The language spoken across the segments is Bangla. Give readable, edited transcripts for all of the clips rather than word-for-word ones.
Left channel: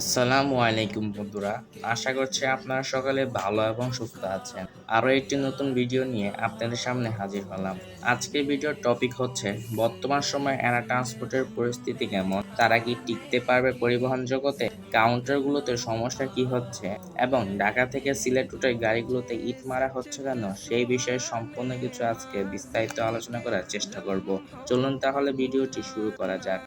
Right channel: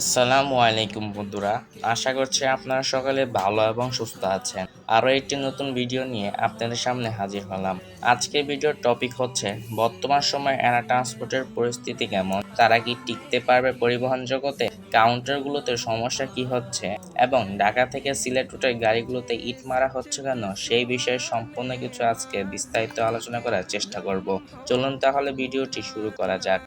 আসসালামু আলাইকুম বন্ধুরা, আশা করছি আপনারা সকলে ভালো এবং সুস্থ আছেন। আরও একটি নতুন ভিডিও নিয়ে আপনাদের সামনে হাজির হলাম। আজকের ভিডিওর টপিক হচ্ছে বর্তমান সময়ে অ্যানা ট্রান্সপোর্টের পরিস্থিতি কেমন, তারা কি টিকতে পারবে পরিবহন জগতে, কাউন্টারগুলোতে সমস্যা কি হচ্ছে এবং ঢাকা থেকে সিলেট রুটের গাড়িগুলোতে ইট মারা হচ্ছে কেন, সেই বিষয়ে সম্পূর্ণ কিছু আজকে বিস্তারিত আলোচনা করার চেষ্টা করব। চলুন তাহলে ভিডিওটি শুরু করা যাক।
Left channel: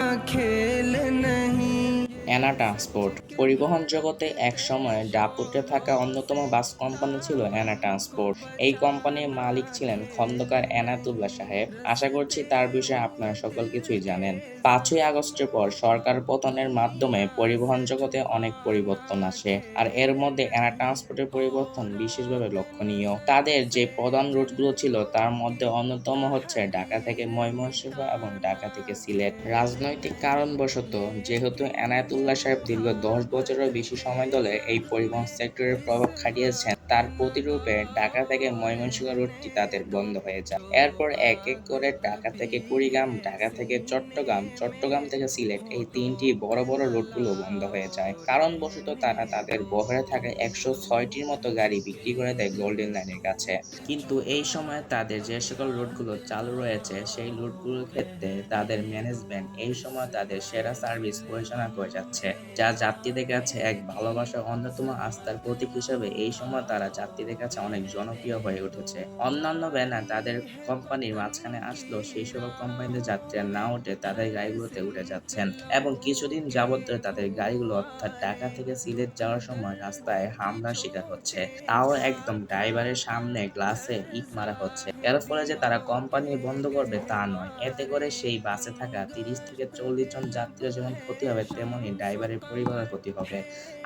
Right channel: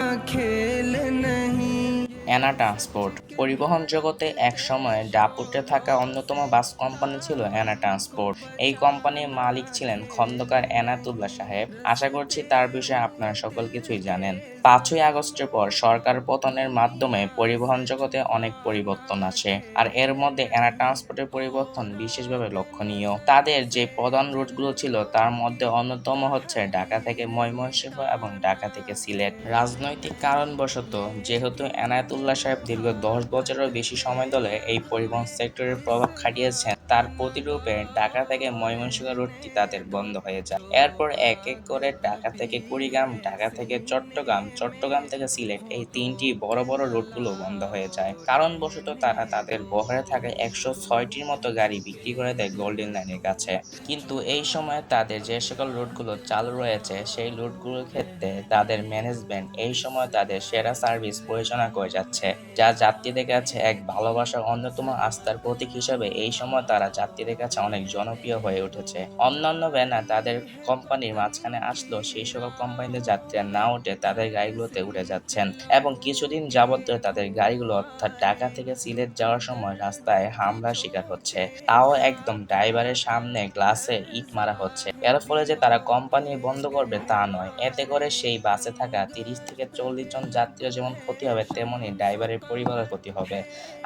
অ্যানা ট্রান্সপোর্ট পরিবহন জগতে এক সময় দাপুটে থাকা অন্যতম বাস কোম্পানি ছিল অ্যানা ট্রান্সপোর্ট। এই কোম্পানির মালিক ছিলেন খন্দকার এনায়েতুল্লাহ সাহেব। আশা করছি তার বিষয়ে আপনারা সকল কিছুই জানেন। 5ই আগস্টের পর সরকার পতনের মাধ্যমে পরিবহন জগতে অনেক পরিবর্তন আসে, আর এর মধ্যে অ্যানা ট্রান্সপোর্টের পরিবর্তন বিশেষভাবে লক্ষণীয়। তাদের যে প্রধান রুটগুলো ছিল তার মধ্যে অন্যতম হচ্ছে ঢাকা থেকে ময়মনসিংহ এবং ঢাকা থেকে সিলেট। রাজনৈতিক কারণবশত যেহেতু এনায়েতুল্লাহ সাহেব দীর্ঘ 10 বছরেরও বেশি সময় ধরে এই পরিবহন সেক্টরের প্রভাব খাটিয়েছেন, তার প্রতিরূপে ঢাকা থেকে ময়মনসিংহ রুটটি তাদের বন্ধ হয়ে যায়। এরপর এক এক করে ঢাকা থেকে কুড়িগ্রাম, ঢাকা থেকে চট্টগ্রাম, চট্টগ্রাম থেকে সিলেট, এই তিনটি বড় বড় রুটগুলো বন্ধ হয়ে যায়। কারণবশত তারা তাদের বহরে থাকা 106টির মতো গাড়ি বিক্রি করে দেয় গোল্ডেন লাইনের কাছে। কিন্তু এই সময় তাদের যে সকল রুটগুলো চালু রয়েছে সেই রুটগুলোর ক্ষেত্রে তাদের ম্যানেজমেন্ট এই সময় তাদের সেরা সার্ভিস পরিচালনা করে যাচ্ছে, যা যাত্রীদের কাছে এক ভালোবাসার অন্যতম আস্থার প্রতীক হিসেবে এই সময় তারা যাত্রীদের কাছে অনেক জনপ্রিয় হয়ে উঠেছে। অন্যান্য ব্যানার তাদের কোম্পানির মাঝখানে আসলেও সেই সকল কোম্পানিতে যাত্রীরা না উঠে তাদের গাড়িগুলোতে উঠে যাচ্ছেন এবং কিছুদিন যাবত ধরে তাদের গাড়িগুলো অর্থাৎ ঢাকা থেকে সিলেট যাওয়ার সময় রাস্তায় হামলার শিকার হচ্ছে, তাও একদম ড্রাইভারের সামনে গ্লাসে ইট মারা হচ্ছে। এর ফলে যে তারা কোম্পানি বন্ধ করবে তা নয়, এতে করে সেই বাসে থাকা 30 থেকে 40 জন যাত্রীর যেমন ক্ষতি হবে তেমনি ড্রাইভারের পরিবারের ক্ষতি হবে।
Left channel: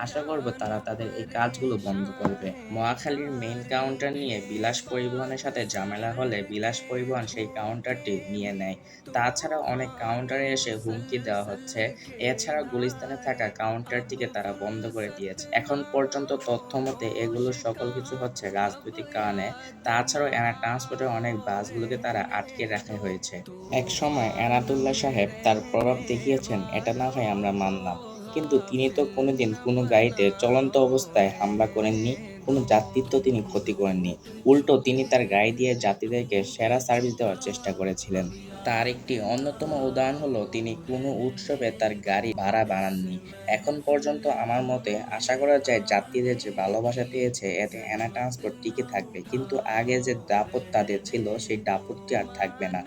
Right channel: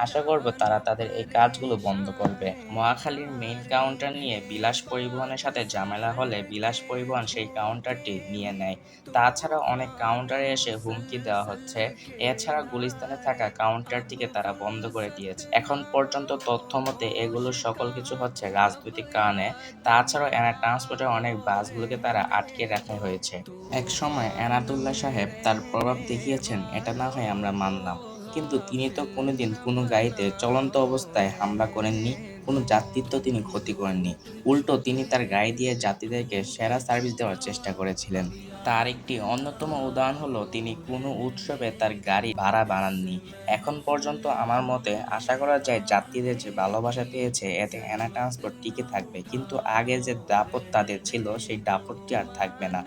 আশা করব তারা তাদের এই কাজগুলো বন্ধ করবে। মহাখালীর মেইন কাউন্টার নিয়ে বিলাস পরিবহনের সাথে ঝামেলা হলে বিলাস পরিবহন সেই কাউন্টারটি নিয়ে নেয়। তাছাড়া অনেক কাউন্টারে এসে হুমকি দেওয়া হচ্ছে। এছাড়া গুলিস্তানে থাকা কাউন্টারটিকে তারা বন্ধ করে দিয়েছে। এখন পর্যন্ত তথ্য মতে এগুলো সকল কিছু হচ্ছে রাজনৈতিক কারণে। তাছাড়াও অ্যানা ট্রান্সপোর্টের অনেক বাসগুলোকে তারা আটকে রাখা হয়েছে। একসময় এনায়েতুল্লাহ সাহেব তার প্রভাব দেখিয়েছেন, এটা না হয় আমরা মানলাম, কিন্তু তিনি তো কোনোদিন কোনো গাড়িতে চলন্ত অবস্থায় হামলা করেননি, কোনো যাত্রীর তো তিনি ক্ষতি করেননি। উল্টো তিনি তার গাড়ি দিয়ে যাত্রীদেরকে সেরা সার্ভিস দেওয়ার চেষ্টা করেছিলেন। তার একটি অন্যতম উদাহরণ হলো তিনি কোনো উৎসবে তার গাড়ি ভাড়া বাড়াননি। এখন পর্যন্ত আমার মতে আশা করা যায় যাত্রীদের যে ভালোবাসা পেয়েছে এতে অ্যানা ট্রান্সপোর্ট টিকে থাকবে, কিন্তু আগে যে দাপট তাদের ছিল সেই দাপটটি আর থাকবে না।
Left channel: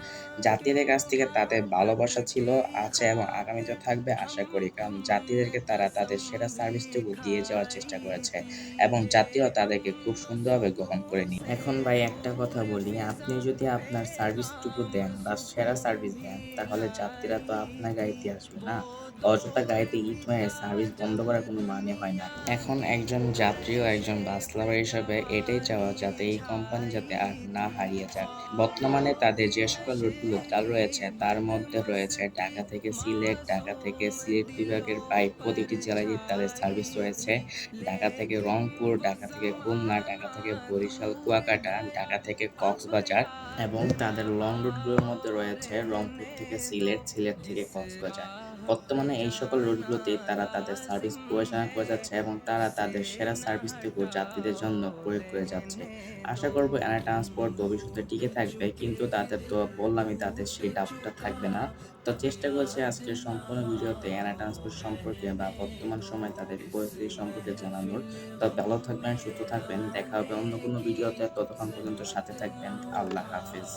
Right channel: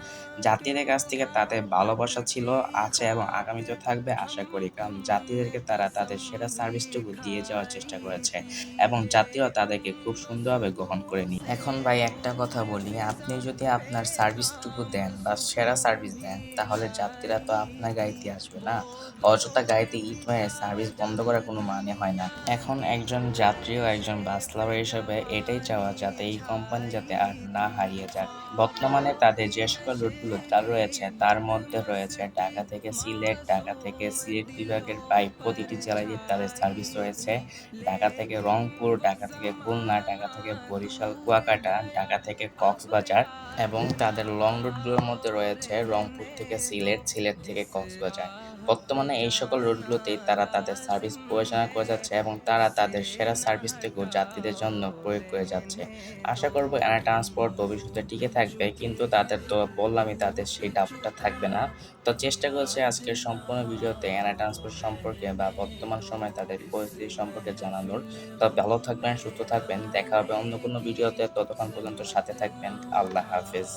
যাত্রীদের কাছ থেকে তাদের ভালোবাসা ছিল, আছে এবং আগামীতেও থাকবে আশা করি, কারণ যাত্রীদেরকে তারা তাদের সেরা সার্ভিসটুকু দিয়ে যাওয়ার চেষ্টা করেছে এবং যাত্রীরাও তাদেরকে খুব সুন্দরভাবে গ্রহণ করে নি। এখন ভাই একটা কথা বলি, আপনি যদি আপনার সার্ভিসটুকু দেন বা সেরা সার্ভিস দেন তাহলে যাত্রীরা তো আপনার গাড়িতে আসবে না। অযথা গাড়িতে ইট মেরে সার্ভিস বন্ধ করার কোনো মানে হয় না। এখন একজন যাত্রী ও একজন বাস লাভার হিসেবে এটাই চাওয়া যাতে এই কোম্পানি যাতে আর না হারিয়ে যায়। বর্তমানে তাদের যে সকল রুটগুলো চালু রয়েছে তার মধ্যে রয়েছে ঢাকা থেকে সিলেট, ঢাকা থেকে সিলেট বিভাগের প্রায় প্রতিটি জেলায় তাদের সার্ভিস রয়েছে, ঢাকা থেকে রংপুর, ঢাকা থেকে খুলনা, ঢাকা থেকে বরিশাল, কুয়াকাটা, ঢাকা থেকে কক্সবাজার এবং তাদের লং রুটগুলোর মধ্যে রয়েছে রংপুর থেকে সিলেট, সিলেট থেকে কক্সবাজার। বর্তমানে এই সকল রুটগুলোতেই তারা তাদের সার্ভিস পরিচালনা করে যাচ্ছে এবং তারা তাদের সেরা সার্ভিসটুকু যাত্রীদের জন্য প্রয়োগ করে যাচ্ছে। আশা করব অ্যানা ট্রান্সপোর্ট ভবিষ্যতে টিকে থাকবে, কিন্তু তাদের তো বললামই তাদের সেই ডাবটা থাকবে না। তো চেষ্টা করছি আজকের সম্পূর্ণ ভিডিওতে অ্যানা ট্রান্সপোর্ট সম্পর্কে বা বর্তমান সময়ে তাদের পরিস্থিতি সম্পর্কে জানানোর। তো ভালো থাকবেন, সুস্থ থাকবেন, দেখা হবে অন্য কোনো ভিডিওতে, ততক্ষণ পর্যন্ত সাথে থাকবেন। আল্লাহ হাফেজ।